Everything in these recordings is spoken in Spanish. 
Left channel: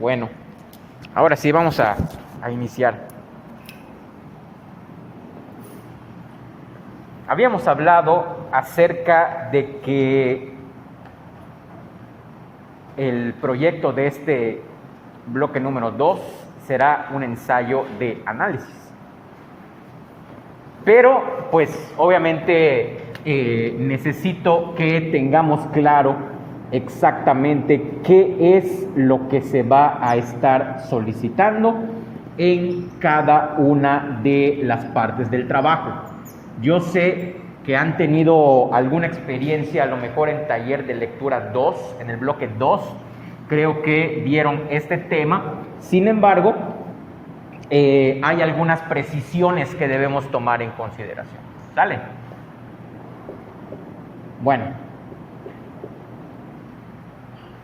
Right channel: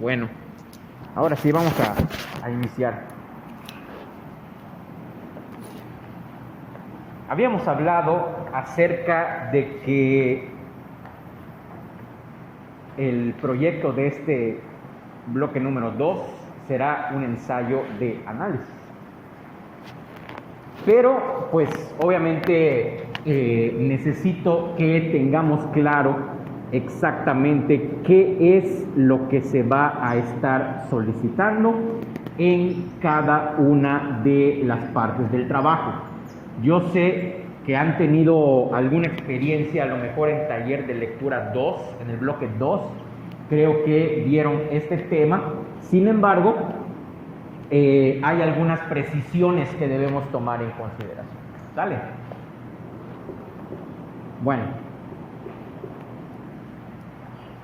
Bueno, ahora sí vamos a iniciar. Habíamos hablado acerca de que el proyecto de este bloque número 2 será un ensayo de análisis. Pero, pues, obviamente necesito que tengamos claro exactamente qué es lo que se va a estar solicitando en cada una de las partes del trabajo. Yo sé que han tenido alguna experiencia, a lo mejor en taller de lectura 2, en el bloque 2, creo que vieron este tema. Sin embargo, hay algunas precisiones que debemos tomar en consideración. ¿Sale? Bueno.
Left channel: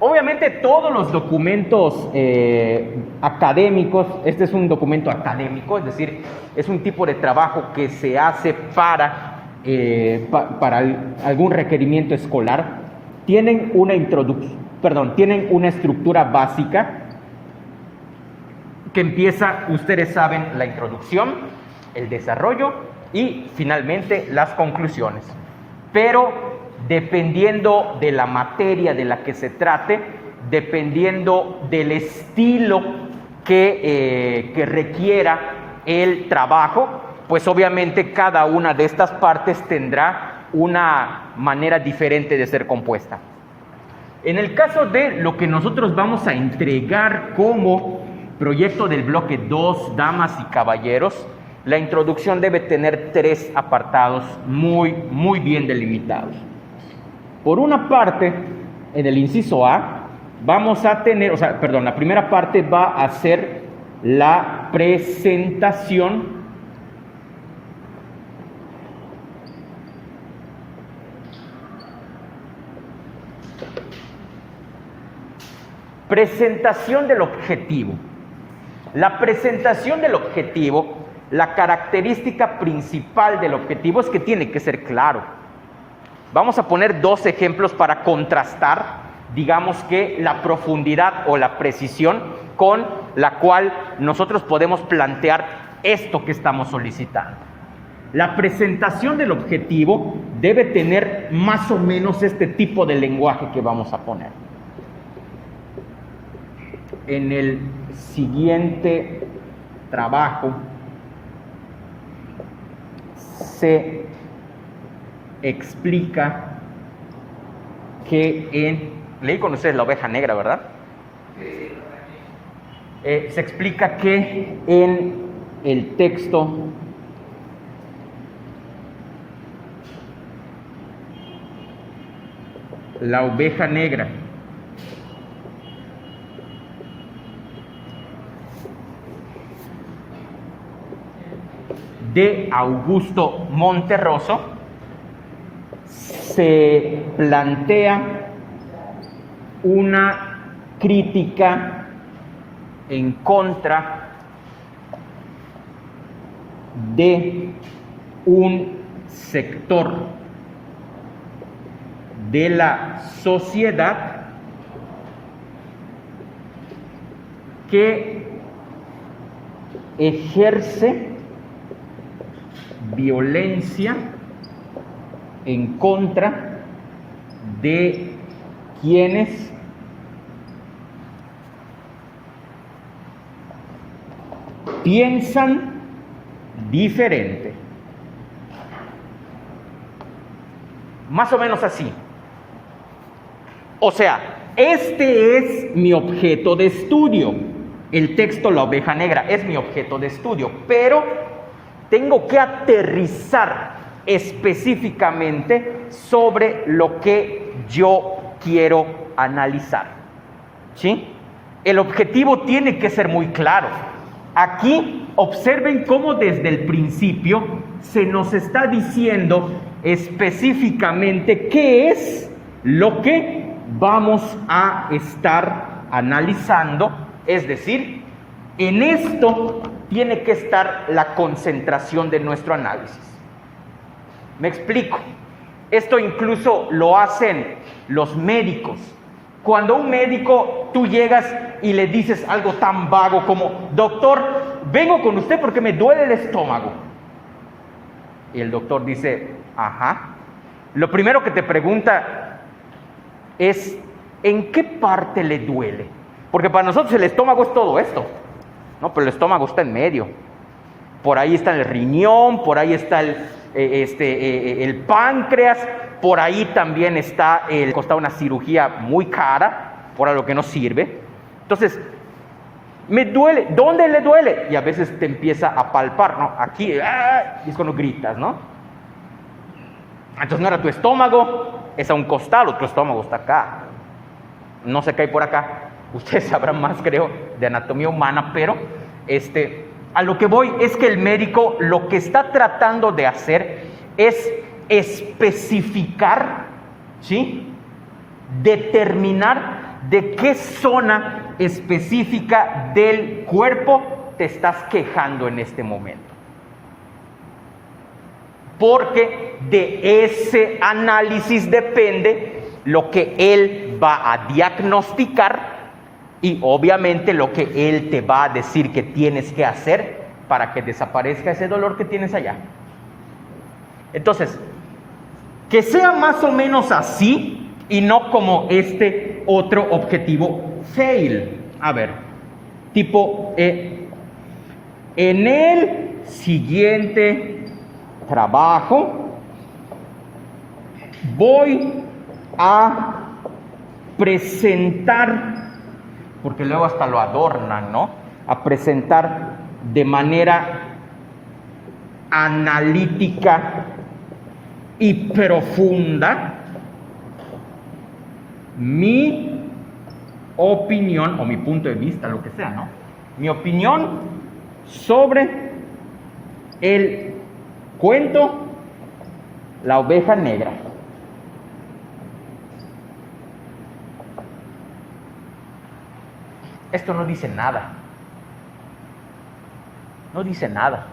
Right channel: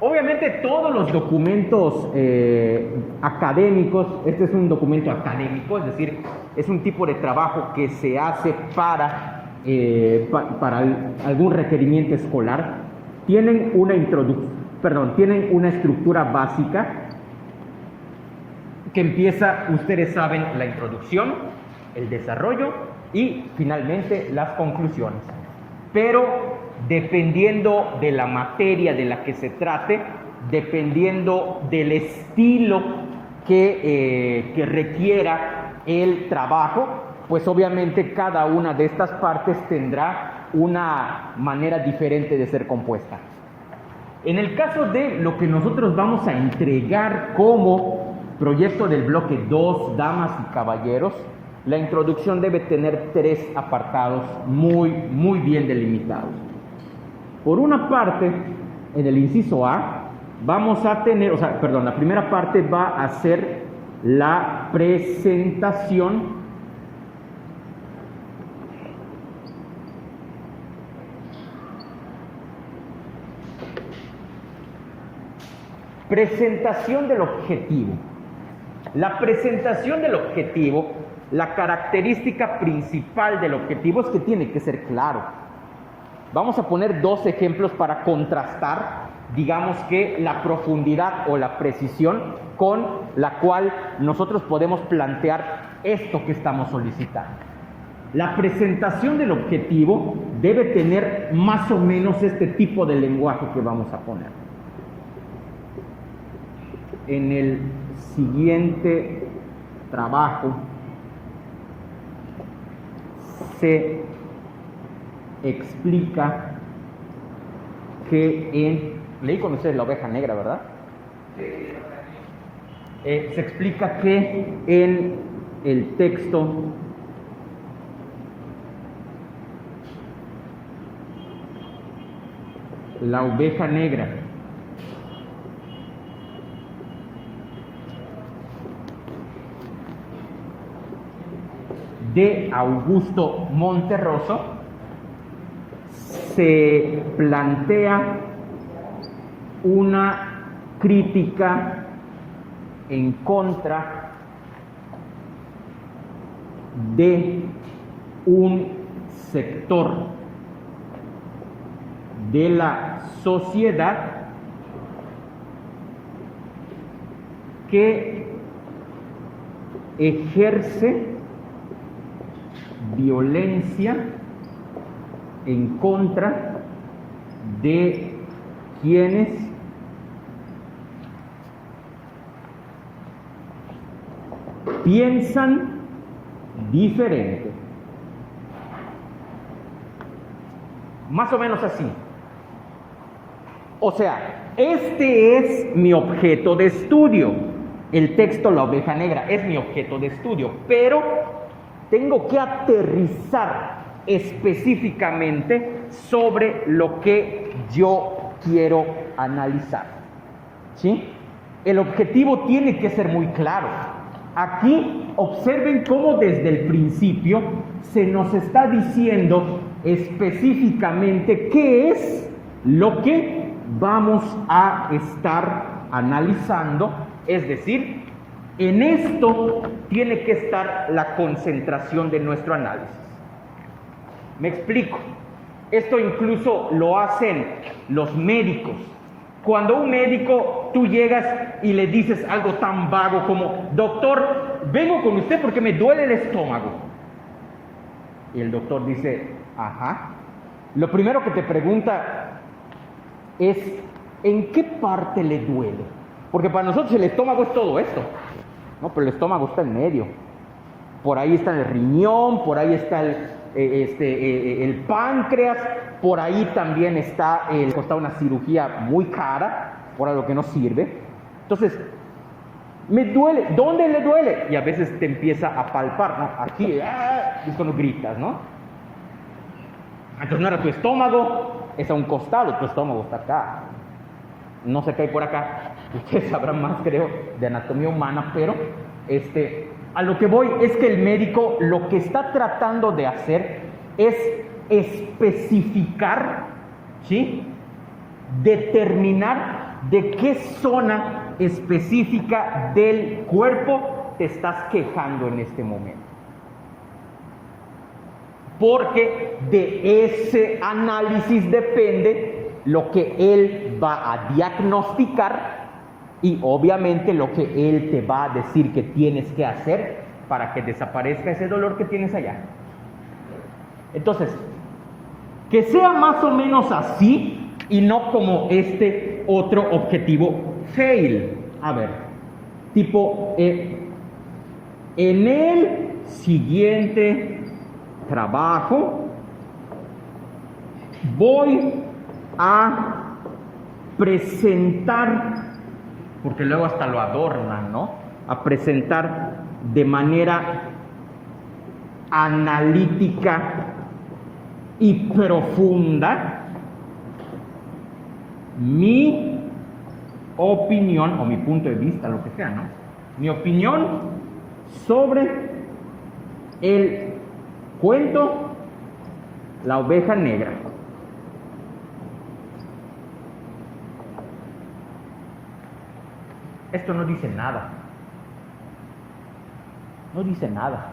Obviamente todos los documentos académicos, este es un documento académico, es decir, es un tipo de trabajo que se hace para algún requerimiento escolar, tienen una tienen una estructura básica que empieza, ustedes saben, la introducción, el desarrollo y finalmente las conclusiones. Pero dependiendo de la materia de la que se trate, dependiendo del estilo que requiera el trabajo, pues obviamente cada una de estas partes tendrá una manera diferente de ser compuesta. En el caso de lo que nosotros vamos a entregar como proyecto del bloque 2, damas y caballeros, la introducción debe tener 3 apartados muy bien delimitados. Por una parte, en el inciso A, vamos a tener, la primera parte va a ser la presentación del objetivo. La presentación del objetivo, la característica principal del objetivo es que tiene que ser claro. Vamos a poner 2 ejemplos para contrastar, digamos que la profundidad o la precisión con la cual nosotros podemos plantear esto que estamos solicitando. La presentación del objetivo debe tener más o menos este tipo de lenguaje que vamos a poner. En el siguiente trabajo se explica que leí con ustedes La oveja negra, ¿verdad? Se explica que en el texto La oveja negra de Augusto Monterroso se plantea una crítica en contra de un sector de la sociedad que ejerce violencia en contra de quienes piensan diferente. Más o menos así. O sea, este es mi objeto de estudio. El texto La Oveja Negra es mi objeto de estudio, pero tengo que aterrizar específicamente sobre lo que yo quiero analizar. ¿Sí? El objetivo tiene que ser muy claro. Aquí observen cómo desde el principio se nos está diciendo específicamente qué es lo que vamos a estar analizando. Es decir, en esto tiene que estar la concentración de nuestro análisis. Me explico. Esto incluso lo hacen los médicos. Cuando un médico, tú llegas y le dices algo tan vago como: doctor, vengo con usted porque me duele el estómago. Y el doctor dice: ajá. Lo primero que te pregunta es: ¿en qué parte le duele? Porque para nosotros el estómago es todo esto, ¿no? Pero el estómago está en medio. Por ahí está el riñón, por ahí está el páncreas, por ahí también está costado una cirugía muy cara, por lo que no sirve. Entonces, me duele, ¿dónde le duele? Y a veces te empieza a palpar, ¿no? Aquí, y es cuando gritas, ¿no? Entonces no era tu estómago, es a un costado, tu estómago está acá. No sé qué hay por acá. Ustedes sabrán más, creo, de anatomía humana, pero a lo que voy es que el médico lo que está tratando de hacer es especificar, ¿sí? Determinar de qué zona específica del cuerpo te estás quejando en este momento. Porque de ese análisis depende lo que él va a diagnosticar y obviamente lo que él te va a decir que tienes que hacer para que desaparezca ese dolor que tienes allá. Entonces, que sea más o menos así y no como este otro objetivo fail. A ver, tipo, en el siguiente trabajo voy a presentar, porque luego hasta lo adornan, ¿no? A presentar de manera analítica y profunda mi opinión, o mi punto de vista, lo que sea, ¿no? Mi opinión sobre el cuento La Oveja Negra. Esto no dice nada. No dice nada.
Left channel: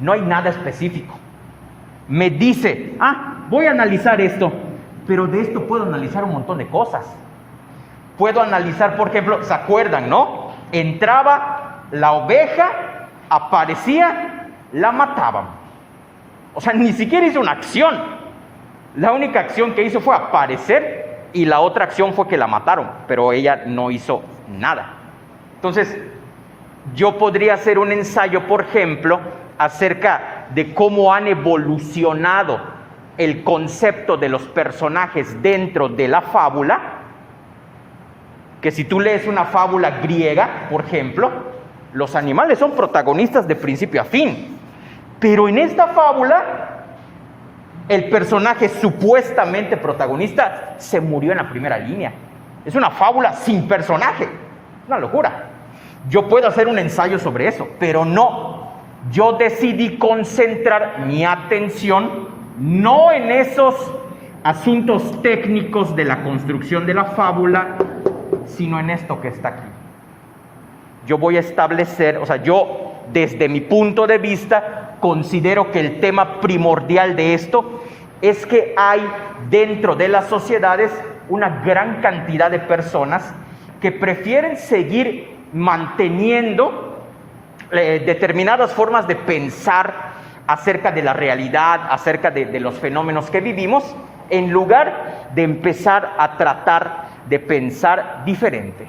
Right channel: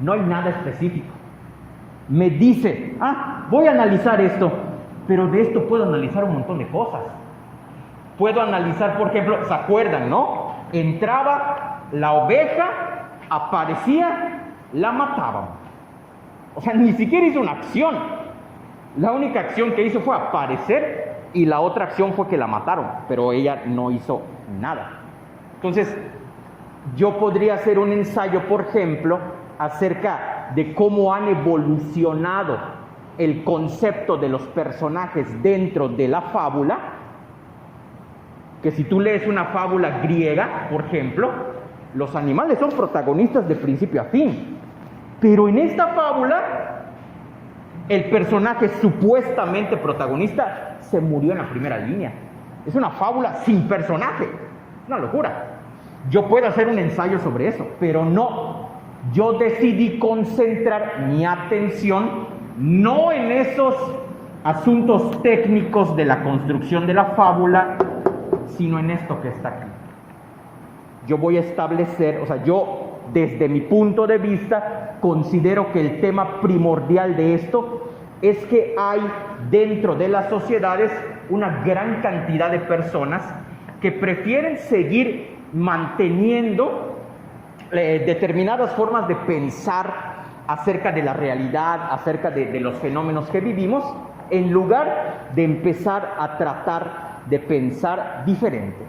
No hay nada específico. Me dice, voy a analizar esto, pero de esto puedo analizar un montón de cosas. Puedo analizar, por ejemplo, ¿se acuerdan, no? Entraba la oveja, aparecía, la mataban. O sea, ni siquiera hizo una acción. La única acción que hizo fue aparecer y la otra acción fue que la mataron, pero ella no hizo nada. Entonces, yo podría hacer un ensayo, por ejemplo, acerca de cómo han evolucionado el concepto de los personajes dentro de la fábula, que si tú lees una fábula griega, por ejemplo, los animales son protagonistas de principio a fin, pero en esta fábula el personaje supuestamente protagonista se murió en la primera línea. Es una fábula sin personaje, una locura. Yo puedo hacer un ensayo sobre eso, pero no. Yo decidí concentrar mi atención no en esos asuntos técnicos de la construcción de la fábula, sino en esto que está aquí. Yo voy a establecer, o sea, yo desde mi punto de vista considero que el tema primordial de esto es que hay dentro de las sociedades una gran cantidad de personas que prefieren seguir manteniendo determinadas formas de pensar acerca de la realidad, acerca de los fenómenos que vivimos, en lugar de empezar a tratar de pensar diferente.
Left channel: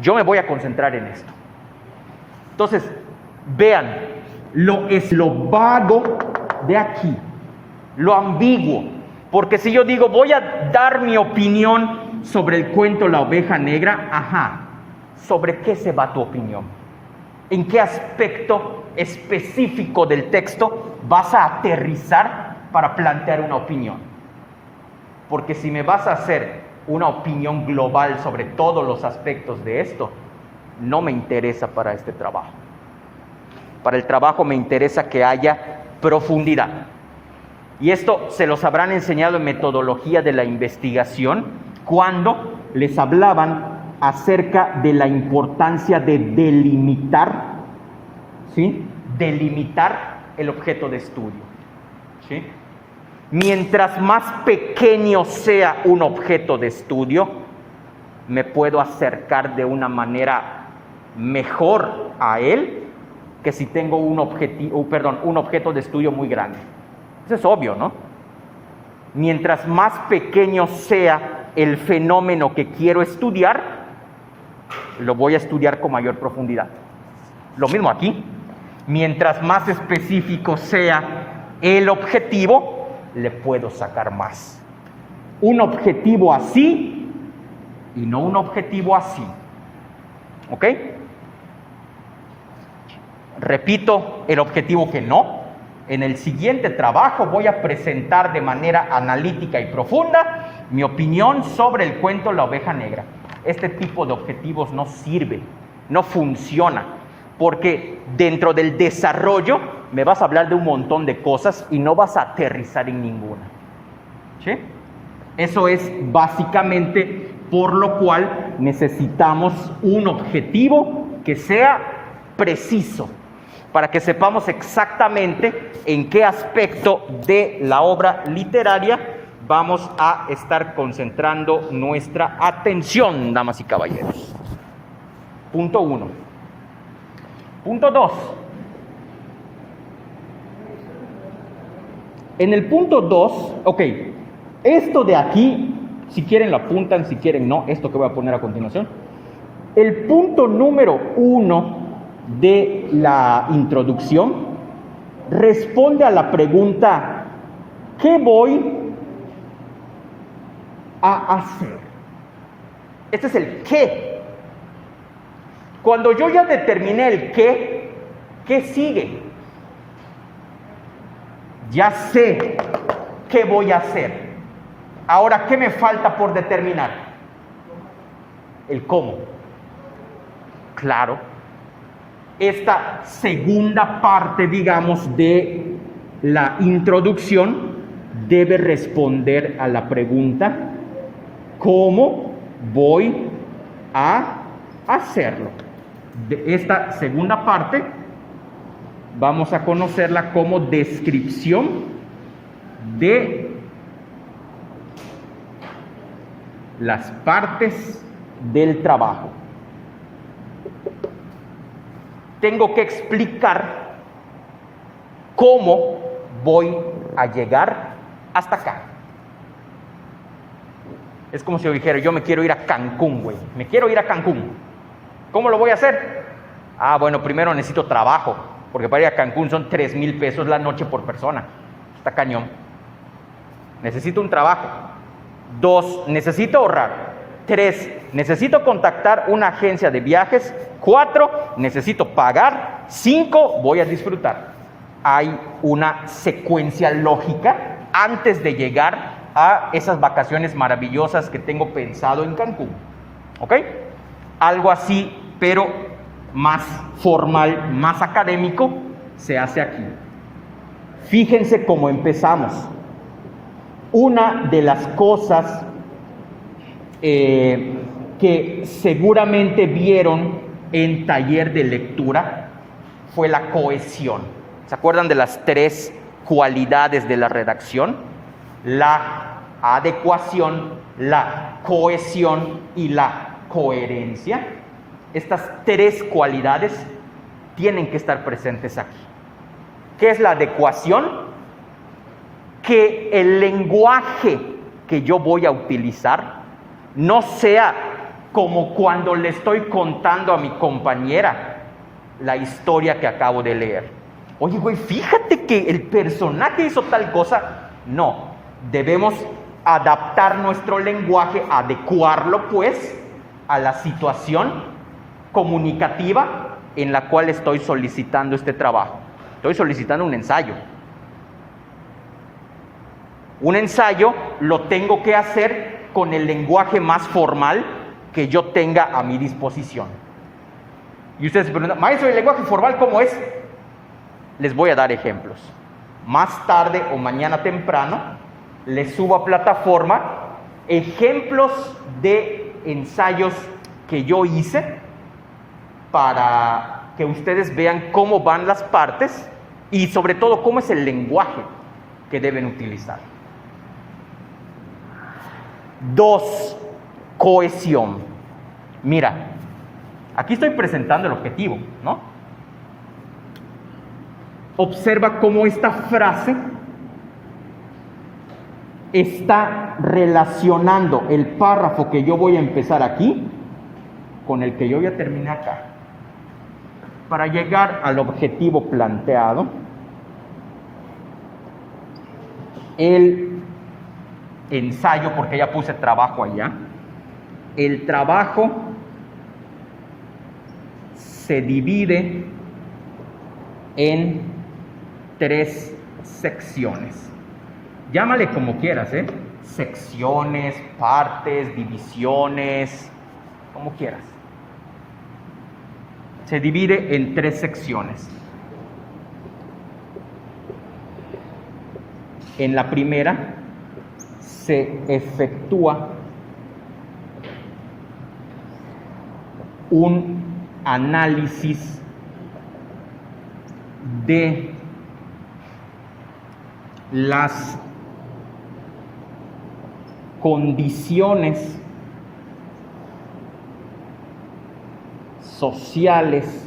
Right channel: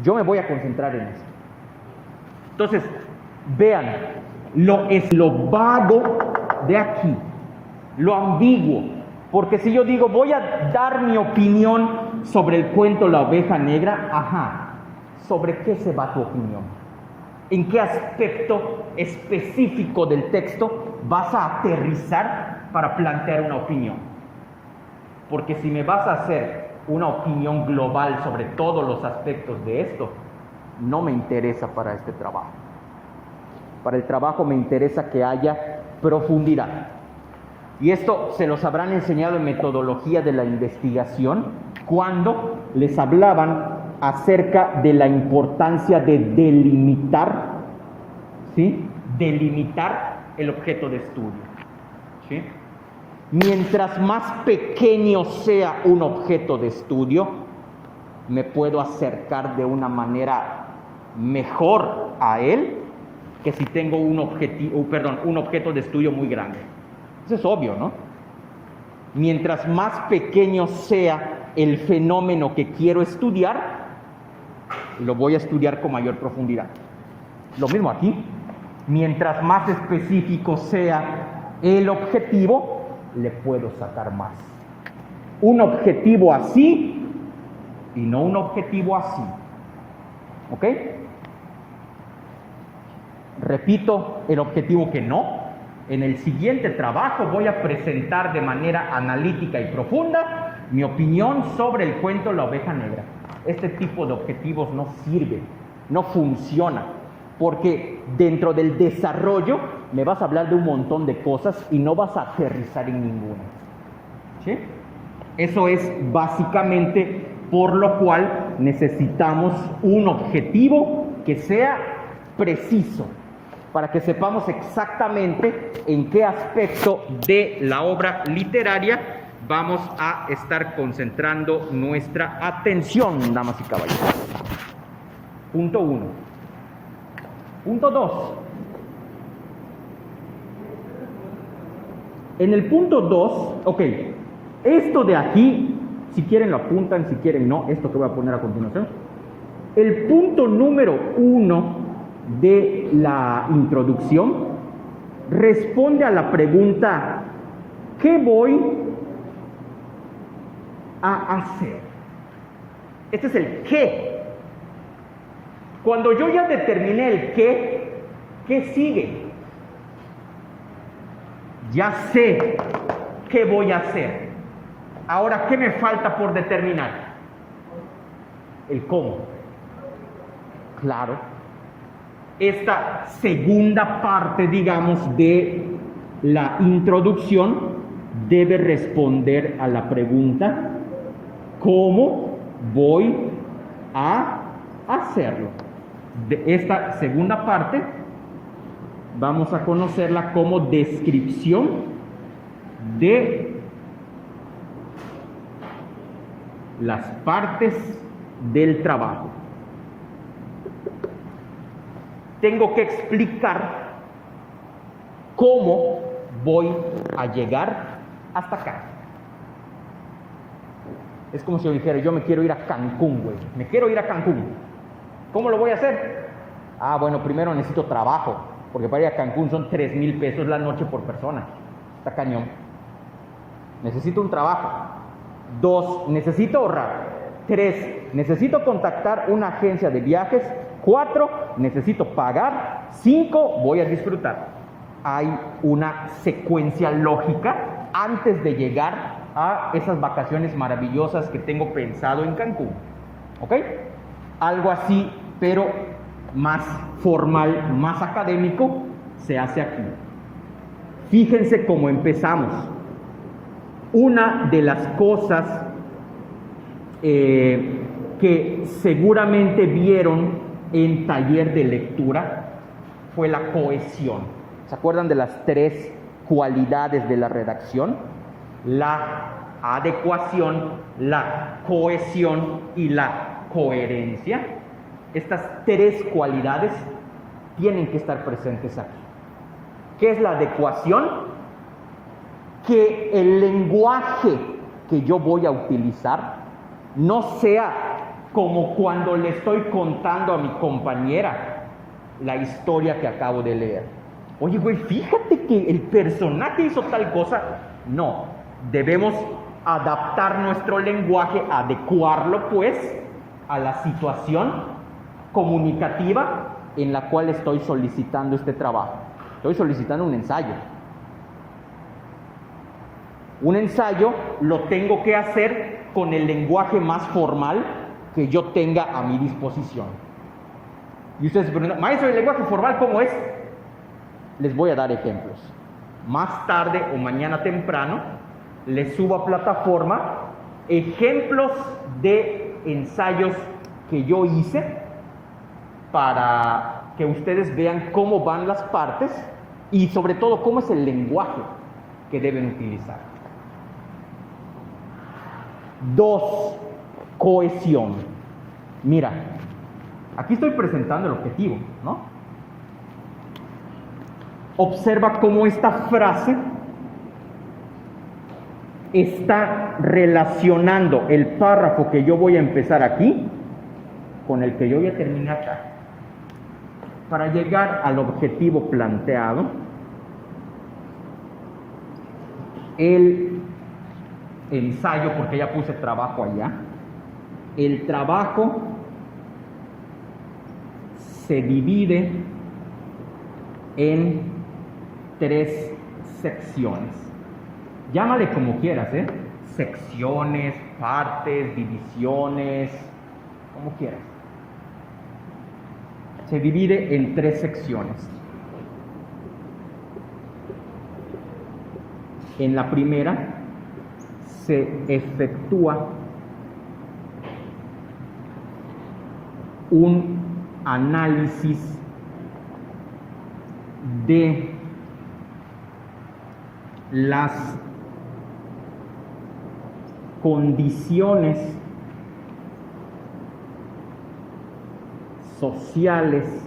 Yo me voy a concentrar en esto. Entonces, vean, lo vago de aquí, lo ambiguo. Porque si yo digo, voy a dar mi opinión sobre el cuento La Oveja Negra, ¿sobre qué se va tu opinión? ¿En qué aspecto específico del texto vas a aterrizar para plantear una opinión? Porque si me vas a hacer una opinión global sobre todos los aspectos de esto, no me interesa para este trabajo. Para el trabajo me interesa que haya profundidad. Y esto se los habrán enseñado en metodología de la investigación cuando les hablaban acerca de la importancia de delimitar, ¿sí? Delimitar el objeto de estudio, ¿sí? Mientras más pequeño sea un objeto de estudio, me puedo acercar de una manera mejor a él que si tengo un objeto de estudio muy grande. Eso es obvio, ¿no? Mientras más pequeño sea el fenómeno que quiero estudiar, lo voy a estudiar con mayor profundidad. Lo mismo aquí. Mientras más específico sea el objetivo, le puedo sacar más. Un objetivo así y no un objetivo así. ¿Ok? Repito el objetivo que no. En el siguiente trabajo voy a presentar de manera analítica y profunda mi opinión sobre el cuento La Oveja Negra. Este tipo de objetivos no sirve, no funciona, porque dentro del desarrollo me vas a hablar de un montón de cosas y no vas a aterrizar en ninguna. ¿Sí? Eso es básicamente por lo cual necesitamos un objetivo que sea preciso, para que sepamos exactamente en qué aspecto de la obra literaria vamos a estar concentrando nuestra atención, damas y caballeros. Punto 1. Punto 2. En el punto 2, esto de aquí, si quieren lo apuntan, si quieren no, esto que voy a poner a continuación. El punto número 1 de la introducción responde a la pregunta: ¿qué voy a hacer? Este es el qué. Cuando yo ya determiné el ¿qué sigue? Ya sé qué voy a hacer. Ahora, ¿qué me falta por determinar? El cómo. Claro. Esta segunda parte, digamos, de la introducción debe responder a la pregunta: ¿cómo voy a hacerlo? De esta segunda parte vamos a conocerla como descripción de las partes del trabajo. Tengo que explicar cómo voy a llegar hasta acá. Es como si yo dijera, yo me quiero ir a Cancún, güey. Me quiero ir a Cancún. ¿Cómo lo voy a hacer? Bueno, primero necesito trabajo, porque para ir a Cancún son 3,000 pesos la noche por persona. Está cañón. Necesito un trabajo. 2, necesito ahorrar. 3, necesito contactar una agencia de viajes. 4, necesito pagar. 5, voy a disfrutar. Hay una secuencia lógica antes de llegar a esas vacaciones maravillosas que tengo pensado en Cancún. ¿Ok? Algo así, pero más formal, más académico, se hace aquí. Fíjense cómo empezamos. Una de las cosas que seguramente vieron en taller de lectura fue la cohesión. ¿Se acuerdan de las 3 cualidades de la redacción? La adecuación, la cohesión y la coherencia. Estas 3 cualidades tienen que estar presentes aquí. ¿Qué es la adecuación? Que el lenguaje que yo voy a utilizar no sea como cuando le estoy contando a mi compañera la historia que acabo de leer. Oye, güey, fíjate que el personaje hizo tal cosa. No, debemos adaptar nuestro lenguaje, adecuarlo pues a la situación comunicativa en la cual estoy solicitando este trabajo. Estoy solicitando un ensayo. Un ensayo lo tengo que hacer con el lenguaje más formal que yo tenga a mi disposición. Y ustedes se preguntan, maestro, ¿el lenguaje formal cómo es? Les voy a dar ejemplos. Más tarde o mañana temprano les subo a plataforma ejemplos de ensayos que yo hice para que ustedes vean cómo van las partes y sobre todo cómo es el lenguaje que deben utilizar. 2. Cohesión. Mira, aquí estoy presentando el objetivo, ¿no? Observa cómo esta frase está relacionando el párrafo que yo voy a empezar aquí con el que yo ya terminé acá. Para llegar al objetivo planteado, el ensayo, porque ya puse trabajo allá, el trabajo se divide en 3 secciones. Llámale como quieras, secciones, partes, divisiones, como quieras. Se divide en 3 secciones. En la primera se efectúa un análisis de las condiciones sociales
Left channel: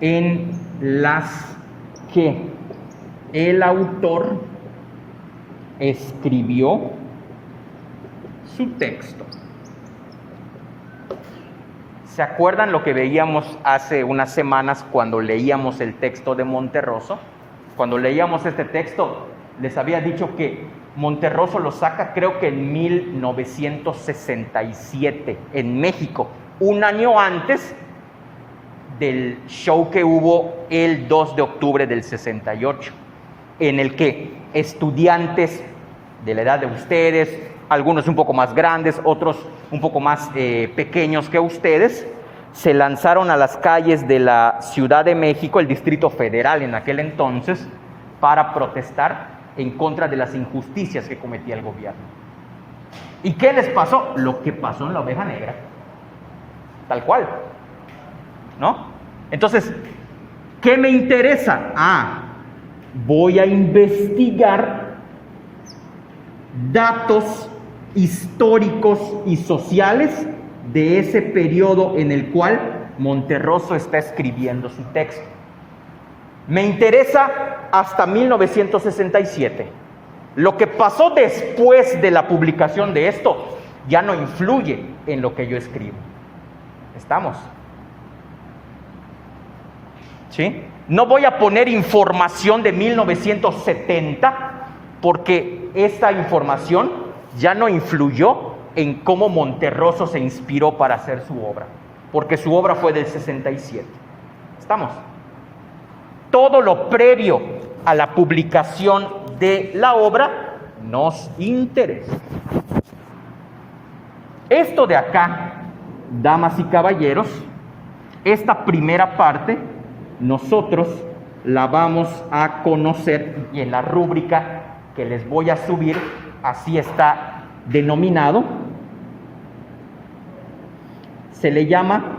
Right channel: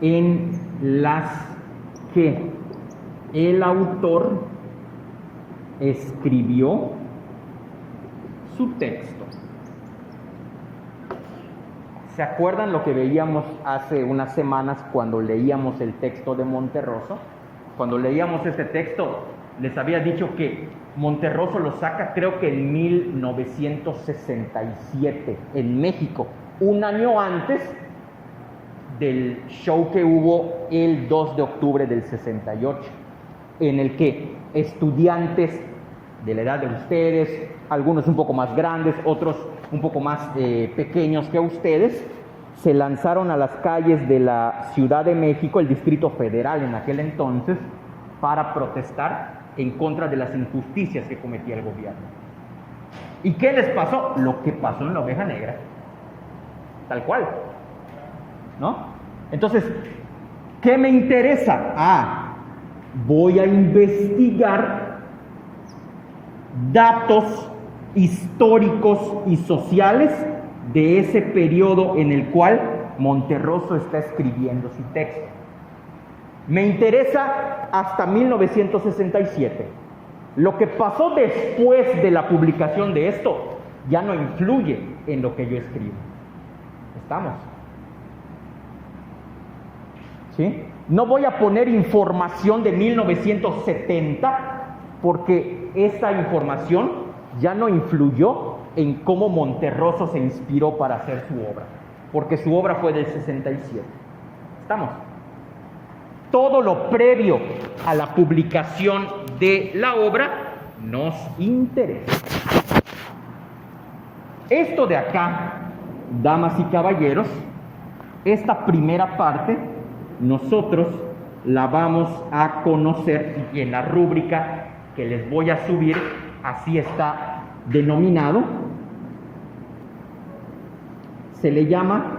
en las que el autor escribió su texto. ¿Se acuerdan lo que veíamos hace unas semanas cuando leíamos el texto de Monterroso? Cuando leíamos este texto, les había dicho que Monterroso lo saca creo que en 1967 en México, un año antes del show que hubo el 2 de octubre del 68, en el que estudiantes de la edad de ustedes, algunos un poco más grandes, otros un poco más pequeños que ustedes, se lanzaron a las calles de la Ciudad de México, el Distrito Federal en aquel entonces, para protestar en contra de las injusticias que cometía el gobierno. ¿Y qué les pasó? Lo que pasó en la Oveja Negra. Tal cual, ¿no? Entonces, ¿qué me interesa? Voy a investigar datos históricos y sociales de ese periodo en el cual Monterroso está escribiendo su texto. Me interesa hasta 1967. Lo que pasó después de la publicación de esto ya no influye en lo que yo escribo. ¿Estamos? ¿Sí? No voy a poner información de 1970 porque esta información ya no influyó en cómo Monterroso se inspiró para hacer su obra, porque su obra fue del 67. ¿Estamos? Todo lo previo a la publicación de la obra nos interesa. Esto de acá, damas y caballeros, esta primera parte, nosotros la vamos a conocer y en la rúbrica que les voy a subir, así está denominado, se le llama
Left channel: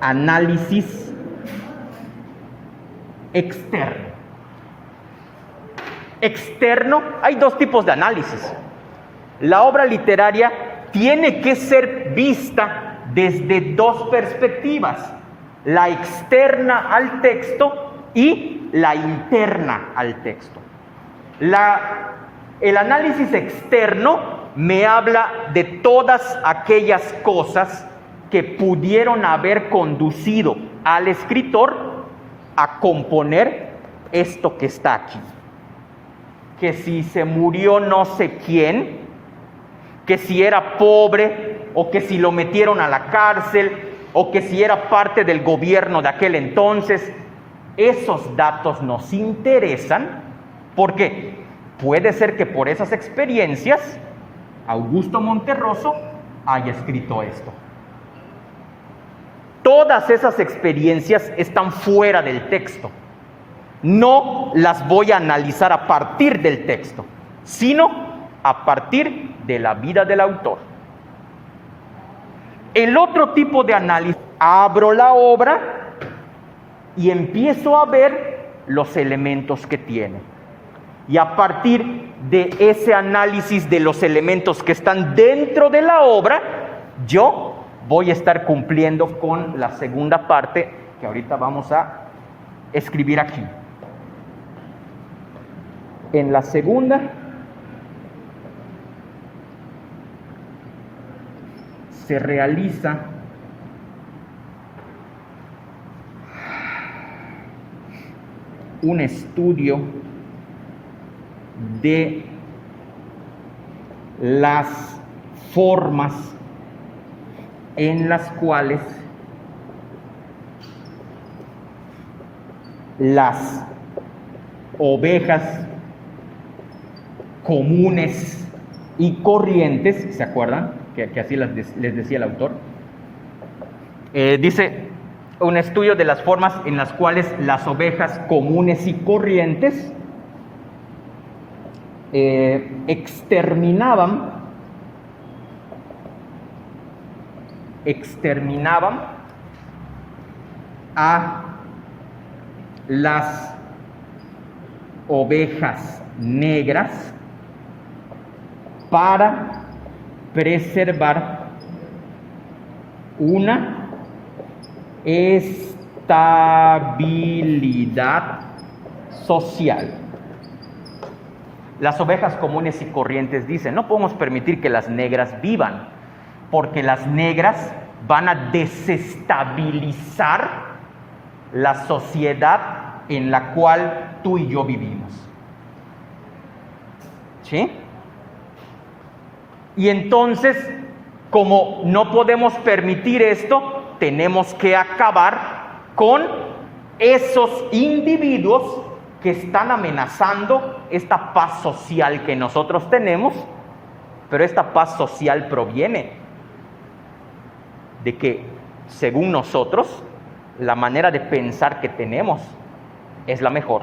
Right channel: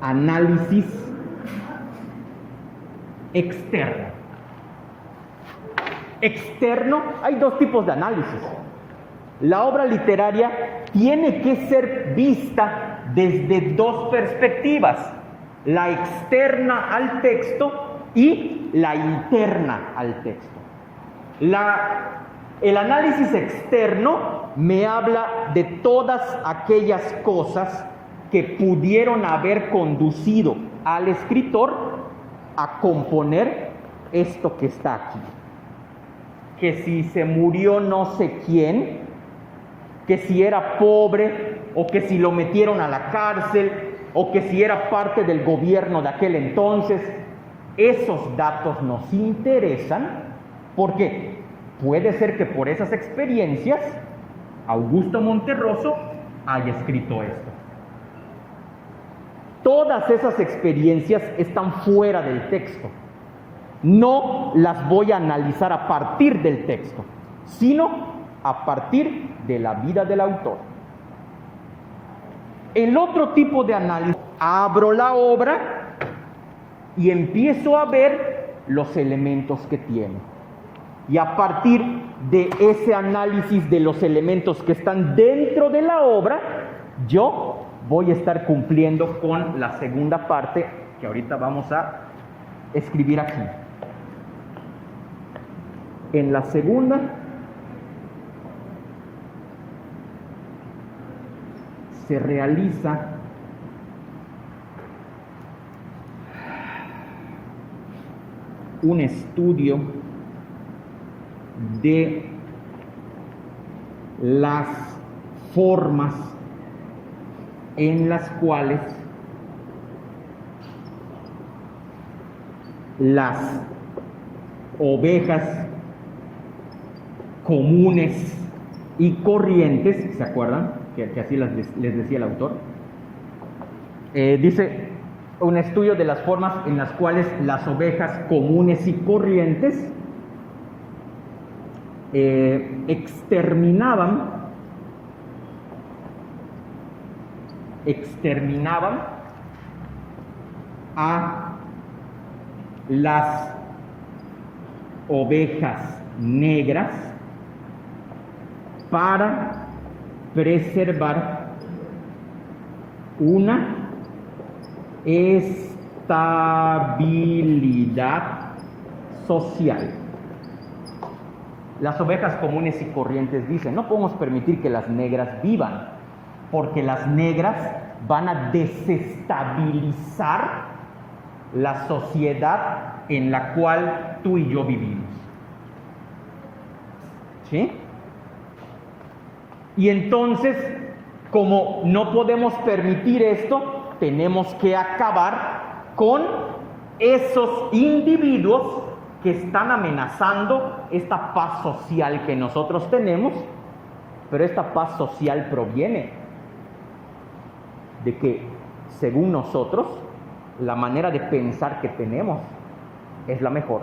análisis externo. Externo, hay 2 tipos de análisis. La obra literaria tiene que ser vista desde 2 perspectivas, la externa al texto y la interna al texto. El análisis externo me habla de todas aquellas cosas que pudieron haber conducido al escritor a componer esto que está aquí. Que si se murió no sé quién, que si era pobre, o que si lo metieron a la cárcel, o que si era parte del gobierno de aquel entonces. Esos datos nos interesan porque puede ser que por esas experiencias Augusto Monterroso haya escrito esto. Todas esas experiencias están fuera del texto. No las voy a analizar a partir del texto, sino a partir de la vida del autor. El otro tipo de análisis, abro la obra y empiezo a ver los elementos que tiene. Y a partir de ese análisis de los elementos que están dentro de la obra, yo voy a estar cumpliendo con la segunda parte que ahorita vamos a escribir aquí. En la segunda se realiza un estudio de las formas en las cuales las ovejas comunes y corrientes, ¿se acuerdan? Que así les decía el autor. Dice, un estudio de las formas en las cuales las ovejas comunes y corrientes exterminaban a las ovejas negras para preservar una estabilidad social. Las ovejas comunes y corrientes dicen, no podemos permitir que las negras vivan, porque las negras van a desestabilizar la sociedad en la cual tú y yo vivimos. ¿Sí? Y entonces, como no podemos permitir esto, tenemos que acabar con esos individuos que están amenazando esta paz social que nosotros tenemos, pero esta paz social proviene de que, según nosotros, la manera de pensar que tenemos es la mejor.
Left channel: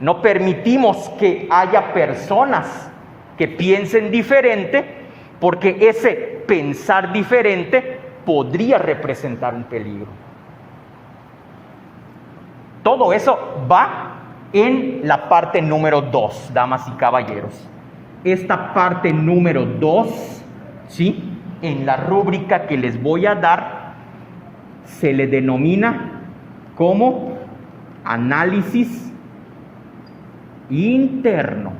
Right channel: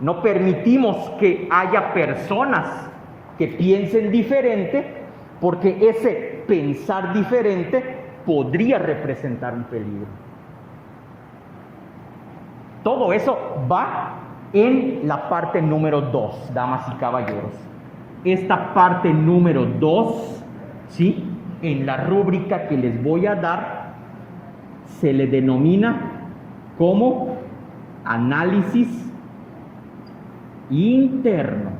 No permitimos que haya personas que piensen diferente, porque ese pensar diferente podría representar un peligro. Todo eso va en la parte número 2, damas y caballeros. Esta parte número 2, ¿sí?, en la rúbrica que les voy a dar, se le denomina como análisis interno.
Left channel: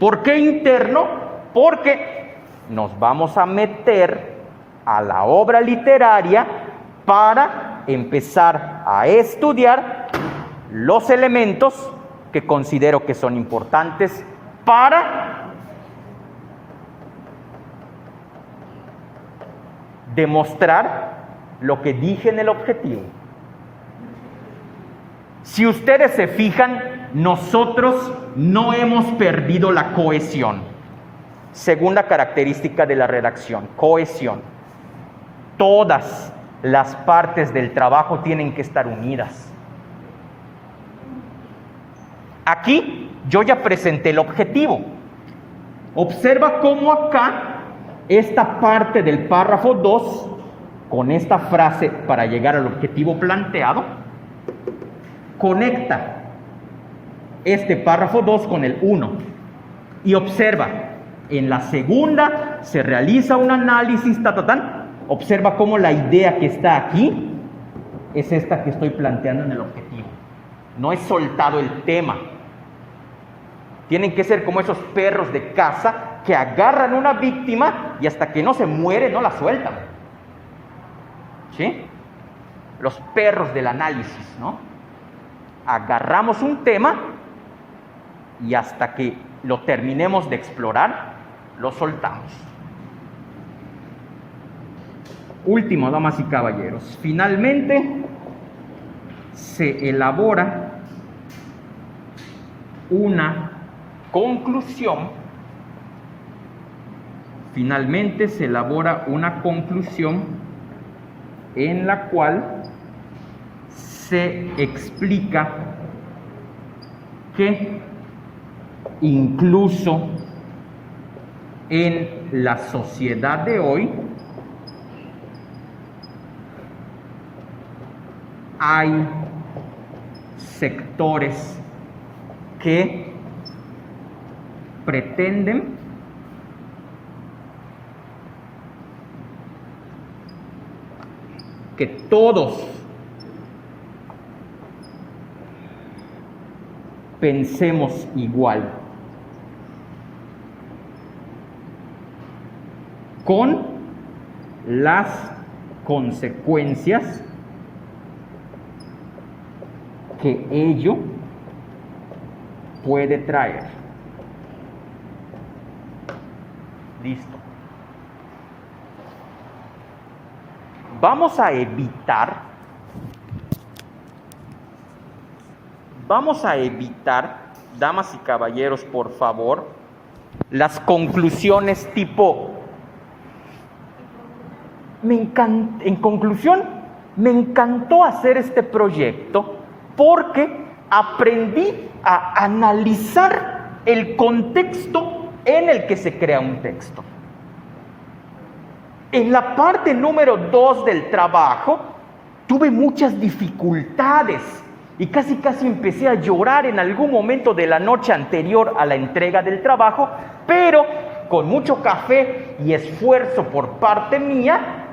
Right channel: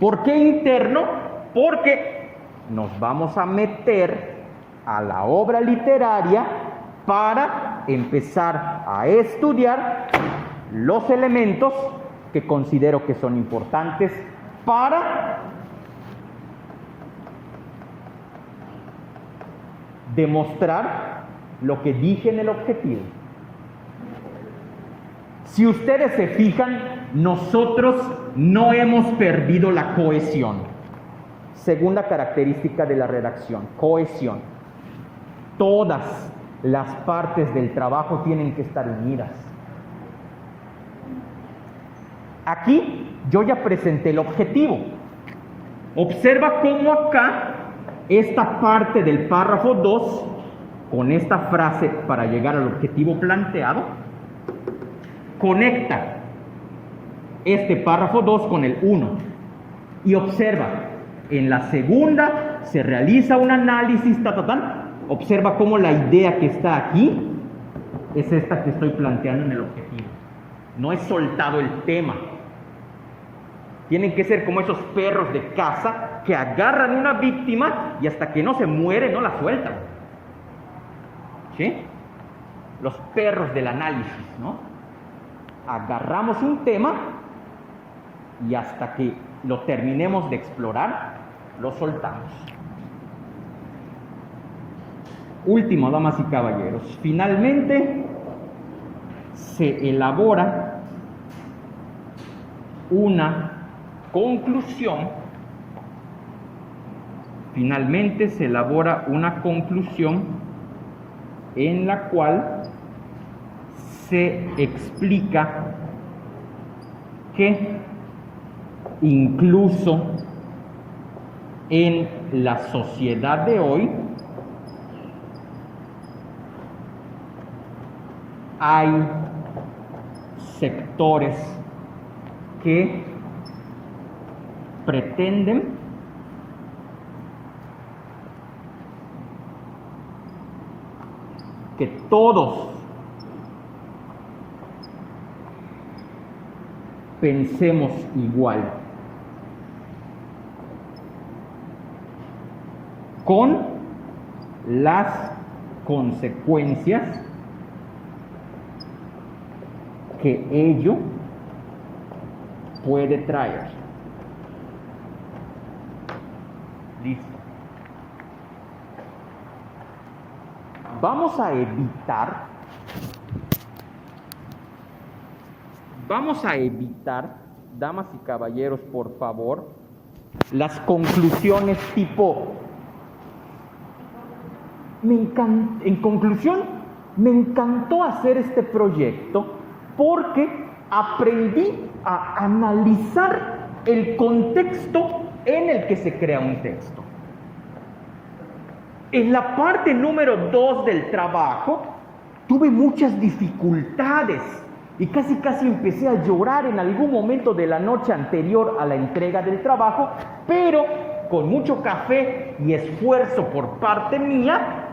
¿Por qué interno? Porque nos vamos a meter a la obra literaria para empezar a estudiar los elementos que considero que son importantes para demostrar lo que dije en el objetivo. Si ustedes se fijan, nosotros no hemos perdido la cohesión. Segunda característica de la redacción, cohesión. Todas las partes del trabajo tienen que estar unidas. Aquí yo ya presenté el objetivo. Observa cómo acá esta parte del párrafo 2, con esta frase para llegar al objetivo planteado, conecta este párrafo 2 con el 1. Y observa, en la segunda se realiza un análisis, observa cómo la idea que está aquí es esta que estoy planteando en el objetivo. No he soltado el tema. Tienen que ser como esos perros de caza que agarran una víctima y hasta que no se muere no la sueltan. ¿Sí? Los perros del análisis, ¿no? Agarramos un tema y hasta que lo terminemos de explorar, lo soltamos. Último, damas y caballeros, finalmente se elabora una conclusión. Finalmente se elabora una conclusión en la cual se explica que incluso en la sociedad de hoy hay sectores que pretenden que todos pensemos igual, con las consecuencias que ello puede traer. Listo. Vamos a evitar, damas y caballeros, por favor, las conclusiones tipo, en conclusión, me encantó hacer este proyecto porque aprendí a analizar el contexto en el que se crea un texto. En la parte número 2 del trabajo tuve muchas dificultades y casi empecé a llorar en algún momento de la noche anterior a la entrega del trabajo, pero con mucho café y esfuerzo por parte mía,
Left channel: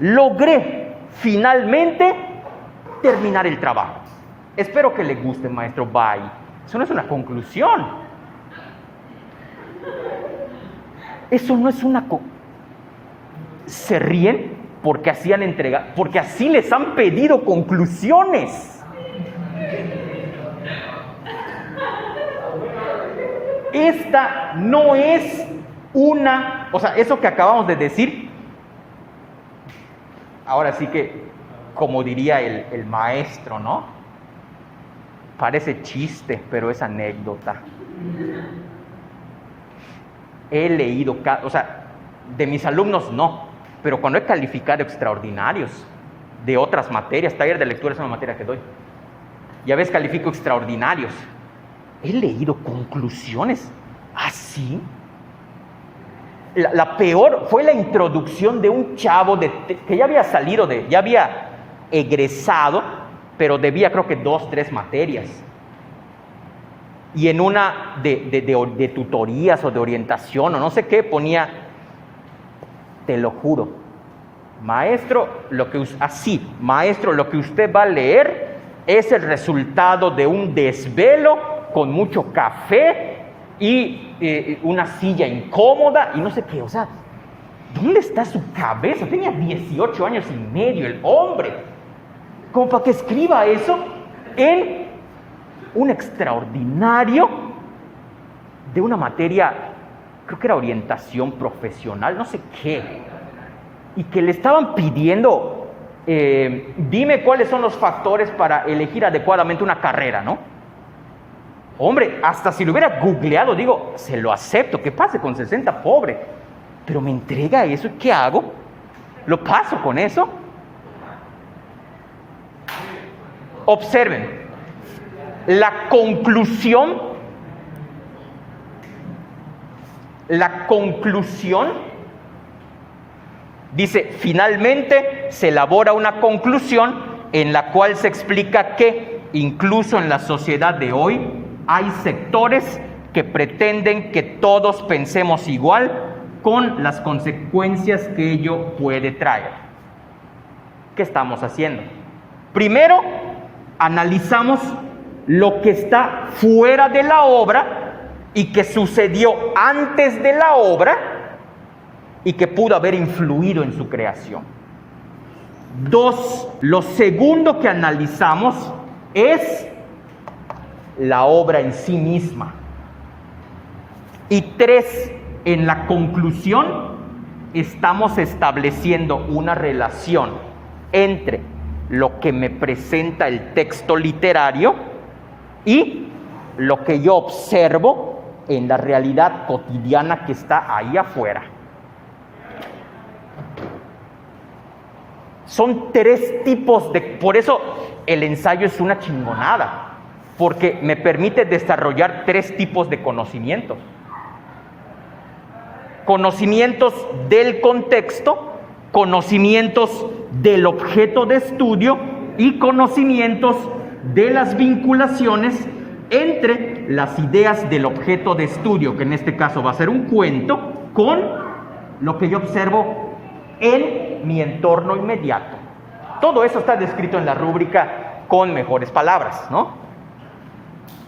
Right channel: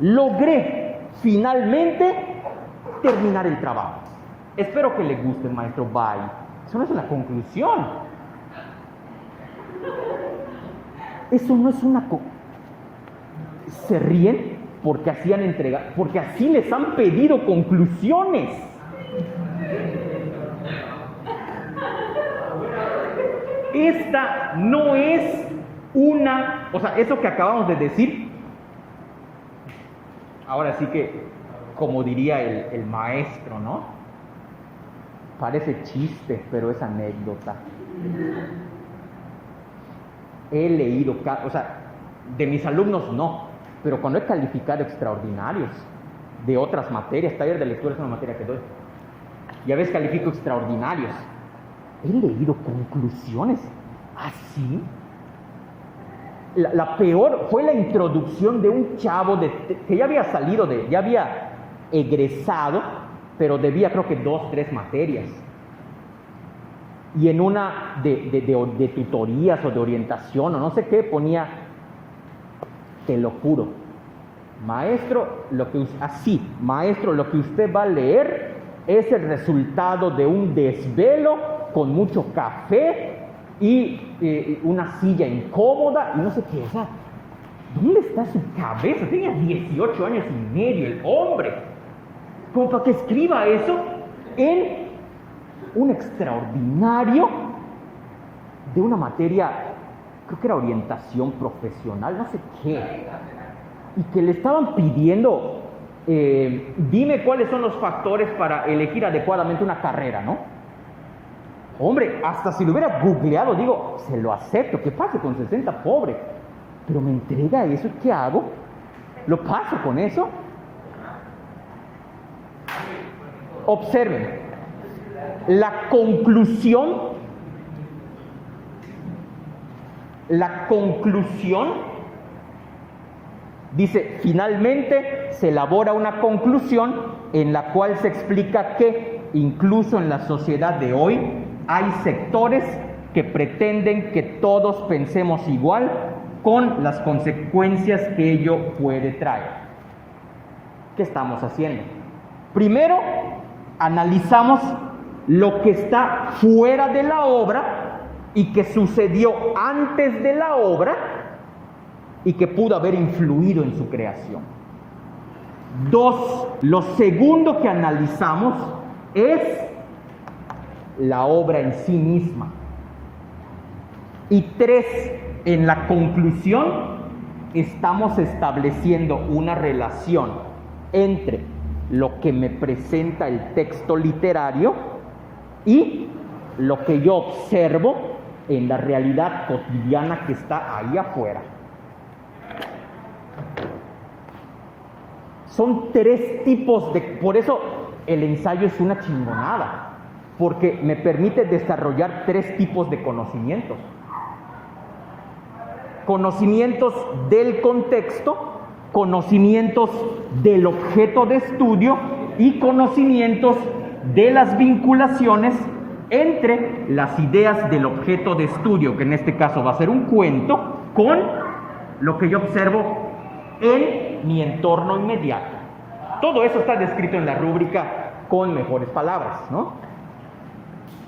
logré finalmente terminar el trabajo. Espero que le guste, maestro. Bye. Eso no es una conclusión. Eso no es una se ríen porque así han entregado, porque así les han pedido conclusiones. Esta no es una, o sea, eso que acabamos de decir, ahora sí que, como diría el maestro, ¿no? Parece chiste, pero es anécdota. He leído, o sea, de mis alumnos no, pero cuando he calificado extraordinarios de otras materias, taller de lectura es una materia que doy, ya ves, califico extraordinarios, he leído conclusiones así. La peor fue la introducción de un chavo que ya había salido, ya había egresado, pero debía creo que 2, 3 materias. Y en una de tutorías o de orientación o no sé qué ponía, te lo juro, maestro, maestro, lo que usted va a leer es el resultado de un desvelo con mucho café y una silla incómoda y no sé qué. O sea, ¿dónde está su cabeza? Tenía 18 años y medio el hombre, como para que escriba eso en un extraordinario de una materia, creo que era orientación profesional, no sé qué, y que le estaban pidiendo, dime cuáles son los factores para elegir adecuadamente una carrera, ¿no? Hombre, hasta si lo hubiera googleado, digo, se lo acepto, que pase con 60, pobre, pero me entrega eso, ¿qué hago? ¿Lo paso con eso? Observen, la conclusión dice, finalmente se elabora una conclusión en la cual se explica que incluso en la sociedad de hoy hay sectores que pretenden que todos pensemos igual con las consecuencias que ello puede traer. ¿Qué estamos haciendo? Primero, analizamos lo que está fuera de la obra y que sucedió antes de la obra y que pudo haber influido en su creación. 2, lo segundo que analizamos es la obra en sí misma. Y 3, en la conclusión, estamos estableciendo una relación entre lo que me presenta el texto literario y lo que yo observo en la realidad cotidiana que está ahí afuera. Son 3 tipos de... Por eso el ensayo es una chingonada, porque me permite desarrollar 3 tipos de conocimientos. Conocimientos del contexto, conocimientos del objeto de estudio y conocimientos de las vinculaciones entre las ideas del objeto de estudio, que en este caso va a ser un cuento, con lo que yo observo en mi entorno inmediato. Todo eso está descrito en la rúbrica con mejores palabras, ¿no?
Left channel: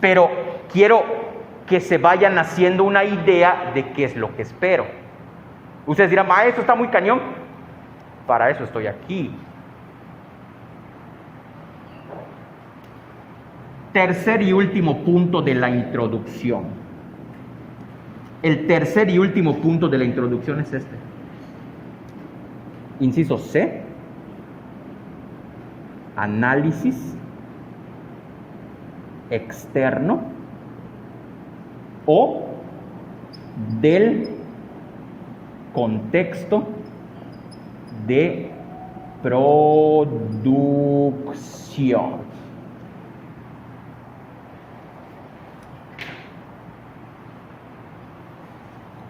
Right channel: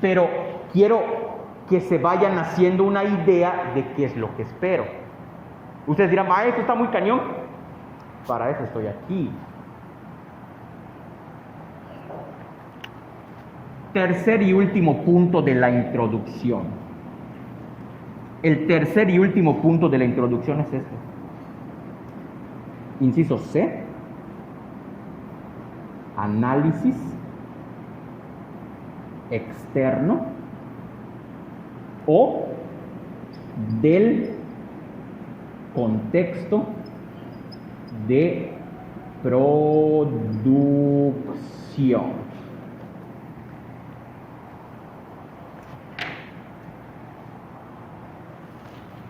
Pero quiero que se vayan haciendo una idea de qué es lo que espero. Ustedes dirán, esto está muy cañón. Para eso estoy aquí. Tercer y último punto de la introducción. El tercer y último punto de la introducción es este. Inciso C. Análisis externo o del contexto de producción.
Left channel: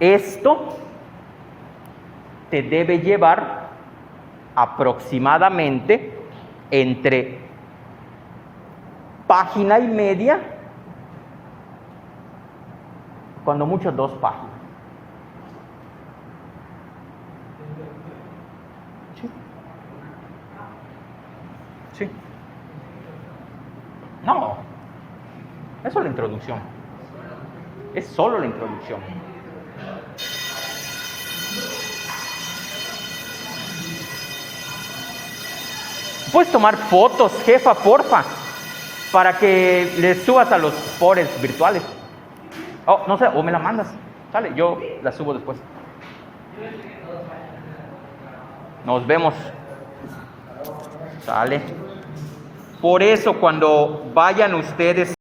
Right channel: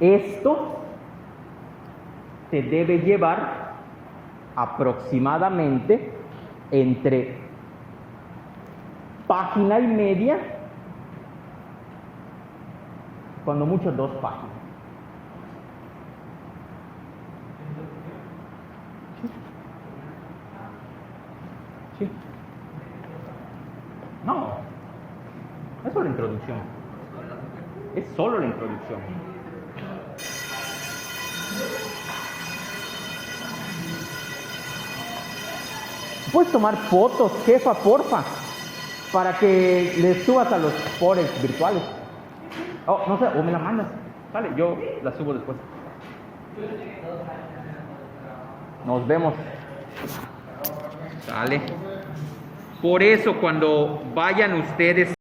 Esto te debe llevar aproximadamente entre página y media, cuando mucho 2 páginas. Sí. No, eso es la introducción. Es solo la introducción. Puedes tomar fotos, jefa, porfa, para que les subas a los fores virtuales. No sé, o me la mandas. Sale, yo la subo después. Nos vemos. Sale. Por eso, cuando vayan ustedes